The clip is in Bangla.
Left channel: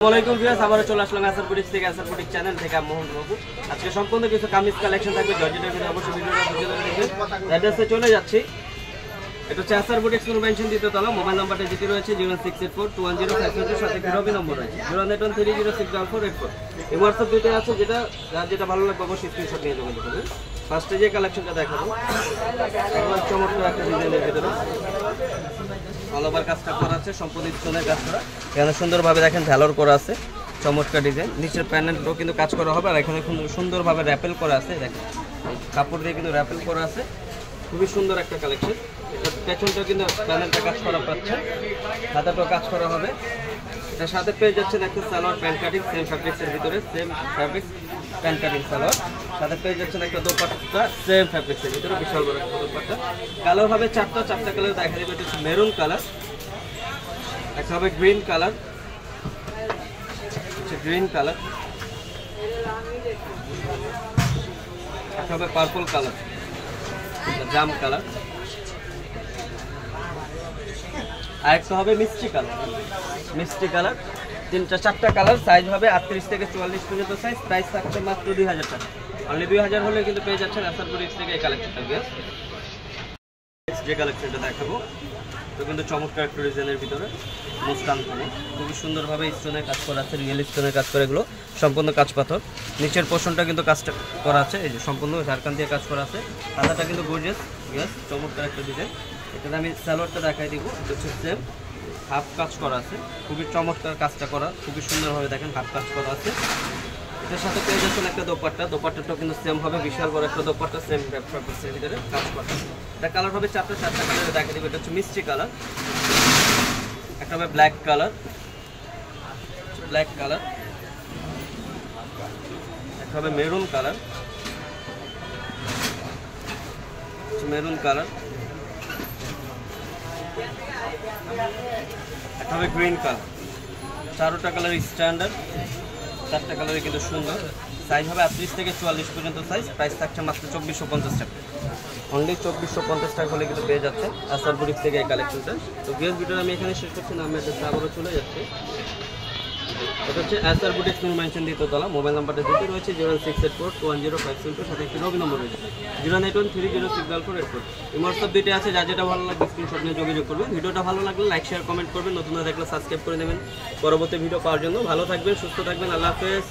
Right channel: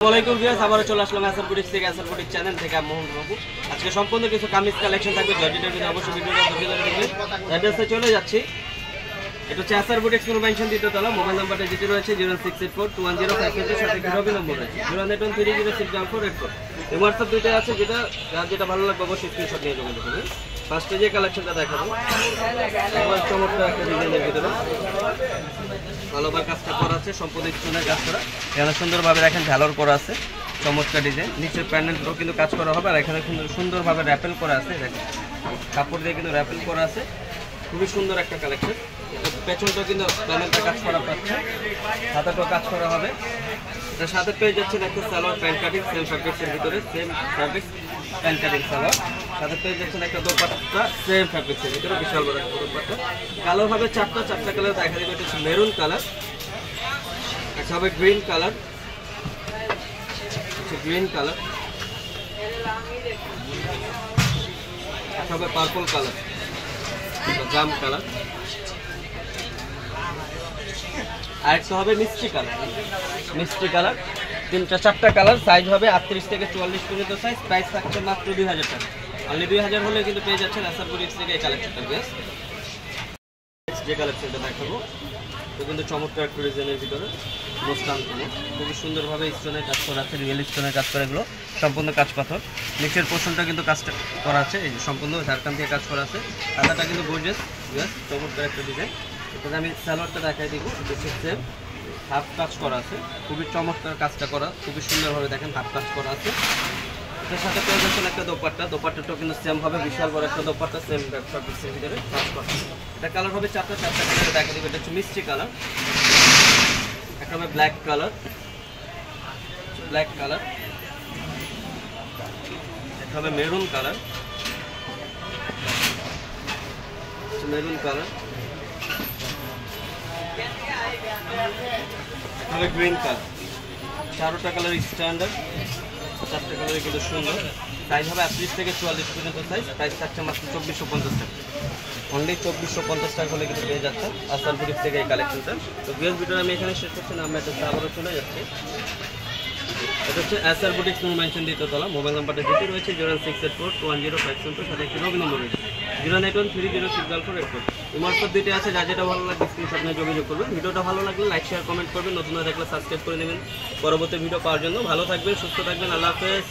আসসালামু ভিউয়ার্স, আবারো চলে আসলাম আসার বুটিক থেকে। আসার বুটিক চ্যানেল থেকে আমি মোহন বাবু। আজকে সম্পূর্ণ কিছু কামিজ কালেকশন থাকবে জর্জেটের ভিতরে, অবশ্যই ভিডিওটা ধৈর্য ধরে দেখবেন। অ্যাড্রেসে চলে যাচ্ছি, এটা হচ্ছে আসার বুটিক নুর মেনশন দ্বিতীয়তলা। মোবাইল নাম্বারটা যেটি রয়েছে 068421055 সাথে রবি নম্বর রয়েছে 08130060484। এই হোয়াটসঅ্যাপ দুইটা আছে, যেটা ভালো লাগবে অবশ্যই স্ক্রিনশট নিয়ে যোগাযোগ করবেন। ফার্স্টে যে কালেকশনটা দেখাবো, একবার চমৎকার একটা ডিজাইনের ভিতরে ভালোভাবে কাজটা করা আছে, সম্পূর্ণ স্টোনের কাজ করা। এখানে সুন্দরভাবে দেখেন ঝালর করা আছে, চমৎকার ডিজাইন। নিচের প্যানেলটাও কিন্তু কাজ করা হবে, আর এখানে সুন্দরভাবে র্যাপেল করা আছে। দেখেন কাপড় দিয়ে কিন্তু র্যাপেল করা আছে, খুবই সুন্দর একটা কালেকশন। এটা পেছনটা কিন্তু প্যানেলটা কাজ করা পাচ্ছে, হাতাটাও কাজ করা হবে। এটার সাথে পেয়ে যাচ্ছেন একটা সালোয়ার প্যান্ট কাটিং, সেম ফ্যাব্রিক্সের ভিতরে, same fabrics pant cutting salwar. সাথে পেয়ে যাচ্ছেন একটা দোপাট্টা, সেম ফ্যাব্রিক্সের ভিতরে, বিশাল বড় একটা দোপাট্টা। কালার হবে চারটা কালার দেখা দেবে। এটা হচ্ছে মেরুন কালার, একটা হবে গ্রিন কালার, গ্রিন কালার, একটা হবে পার্পল কালার, জাম কালার, আর একটা হবে মিষ্টি কালার। মিষ্টি কালার চারটা কালার, সাইজ হবে 38 থেকে 44 পর্যন্ত সাইজ। প্রাইস থাকছে মাত্র 2000 টাকা। অনলি 2000 হলে কিন্তু পেয়ে যাচ্ছেন আসার বুটিক থেকে এই কালেকশনটা। যে কালেকশনটা দেখাবো তো কিন্তু চমৎকার একটা ডিজাইনের ভিতরে মুস্তান থানে, খুবই সুন্দরভাবে স্টোনের কাজ করা আছে, রিয়েল স্টোনের কাজ করে, এগুলো সম্পূর্ণ কাজ পাথর। নিচের পোর্শনটা কিন্তু কাজটা করা আছে, এই যে সম্পূর্ণ ঝাড়খান দিয়ে কাজ করা আছে। হাতাটা কিন্তু গর্জিয়াস, চমৎকার একটা ডিজাইন। এটাতে আমি সালোয়ারটা দেখাই দিব, হচ্ছে সেম হাফ কাজ করা আছে, খুবই চমৎকার কাজটা করা, খুবই সুন্দরভাবে দেখেন হাফ কাজ করা আছে। এটার সাথে পেয়ে যাচ্ছেন একটা দোপাট্টাটাও কিন্তু সেম হবে, বিশাল বড় একটা দোপাট্টা, সেম ফ্যাব্রিক্সের ভিতরে কাজ করা। এটা কালার হবে চারটা কালারে দেখা দিবে। এটা হচ্ছে মিষ্টি কালার, একটা হবে ব্ল্যাক কালার, একটা হবে মেরুন কালার, একটা হবে গ্রিন কালার। চারটা কালার স্ট্যান্ডার্ড, চারটা কালারই কিন্তু সুন্দর। সাইজ হবে 38 থেকে 44 পর্যন্ত সাইজ। প্রাইস থাকছে মাত্র 2450 টাকা। অনলি 2450 টাকা হলে কিন্তু পেয়ে যাচ্ছে আসার বুটিক থেকে এই কালেকশনটা। তো ভিডিও আমি এখানে শেষ করছি না, আমি এটা আবারও চলে যাচ্ছি। এটা হচ্ছে আসার বুটিক নুর মেনশন দ্বিতীয়তলা। মোবাইল নাম্বারটা যেটি রয়েছে 068421055, সাথে একটি রবি নম্বর রয়েছে 08130060484। এই হোয়াটসঅ্যাপ দুইটা আছে, যেটা ভালো লাগবে স্ক্রিনশট নিয়ে যোগাযোগ করবেন। ভিডিওটা ভালো লাগলে লাইক শেয়ার কমেন্ট করবেন, নতুন দেখলে সাবস্ক্রাইব করে নেবেন পরবর্তী ভিডিও পাওয়ার জন্য। ভালো থাকবেন, সুস্থ থাকবেন, আল্লাহ হাফেজ।